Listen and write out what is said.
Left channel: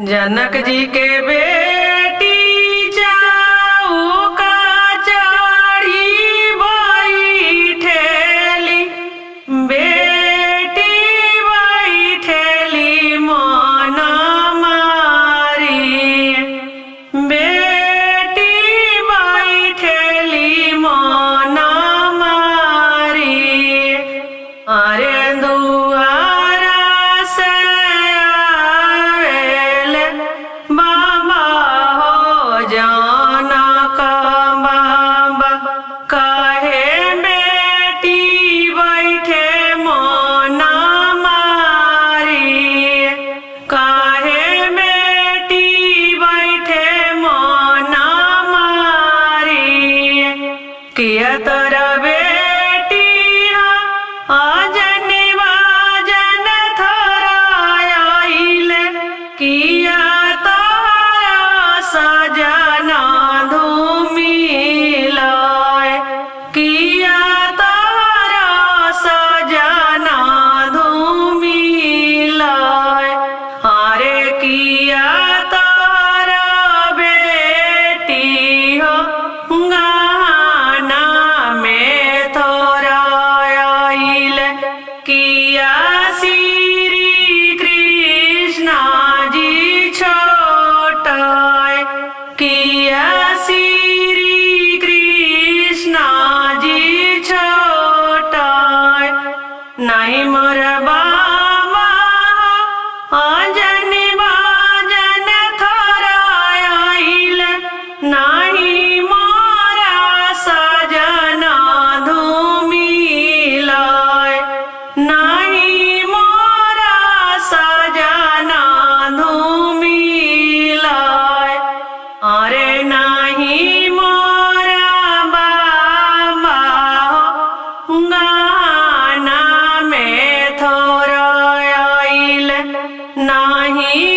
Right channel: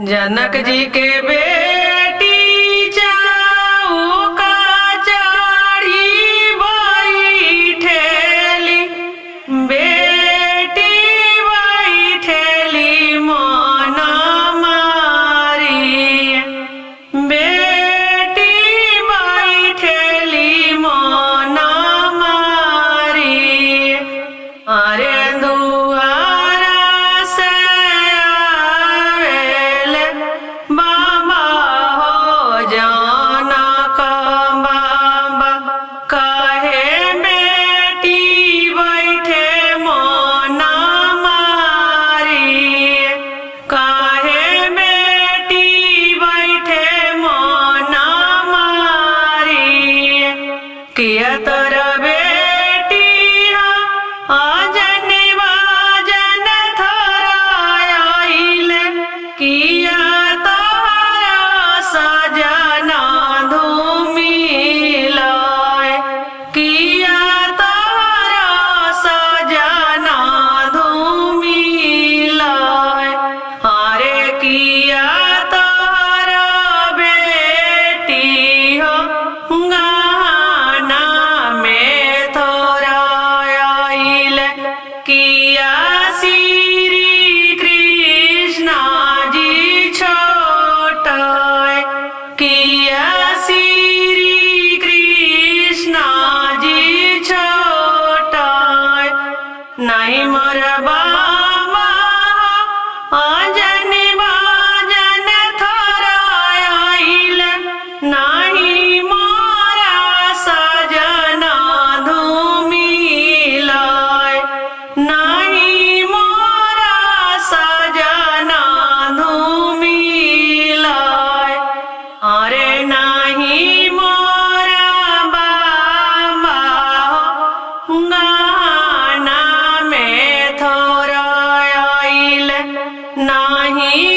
जनक जी के बेटी चौका चढ़ी बैठेली, बेटी बैठेली मन मारी, बेटी बैठेली मन मारी। अरे दुआरा से आवेले बाबा हो जनक बाबा, कहे बेटी बैठे मन मारी, कहे बेटी बैठे मन मारी। किया तोरा बेटी अजन बाजन थोरा आइले, किया तोरा सजना धूमिलाय, किया तोरा सजना धूमिलाय। अरे किया तोरा बेटी हो गाना में थोरा आइले, किया श्री कृष्णा जी छोटाय, किया श्री कृष्णा जी छोटाय। नहीं मोर बाबा अजन बाजन थोरा आइले, नहीं मोरा सजना धूमिलाय, नहीं मोरा सजना धूमिलाय। अरे नहीं मोरा बाबा हो गाना में थोरा आइले, नहीं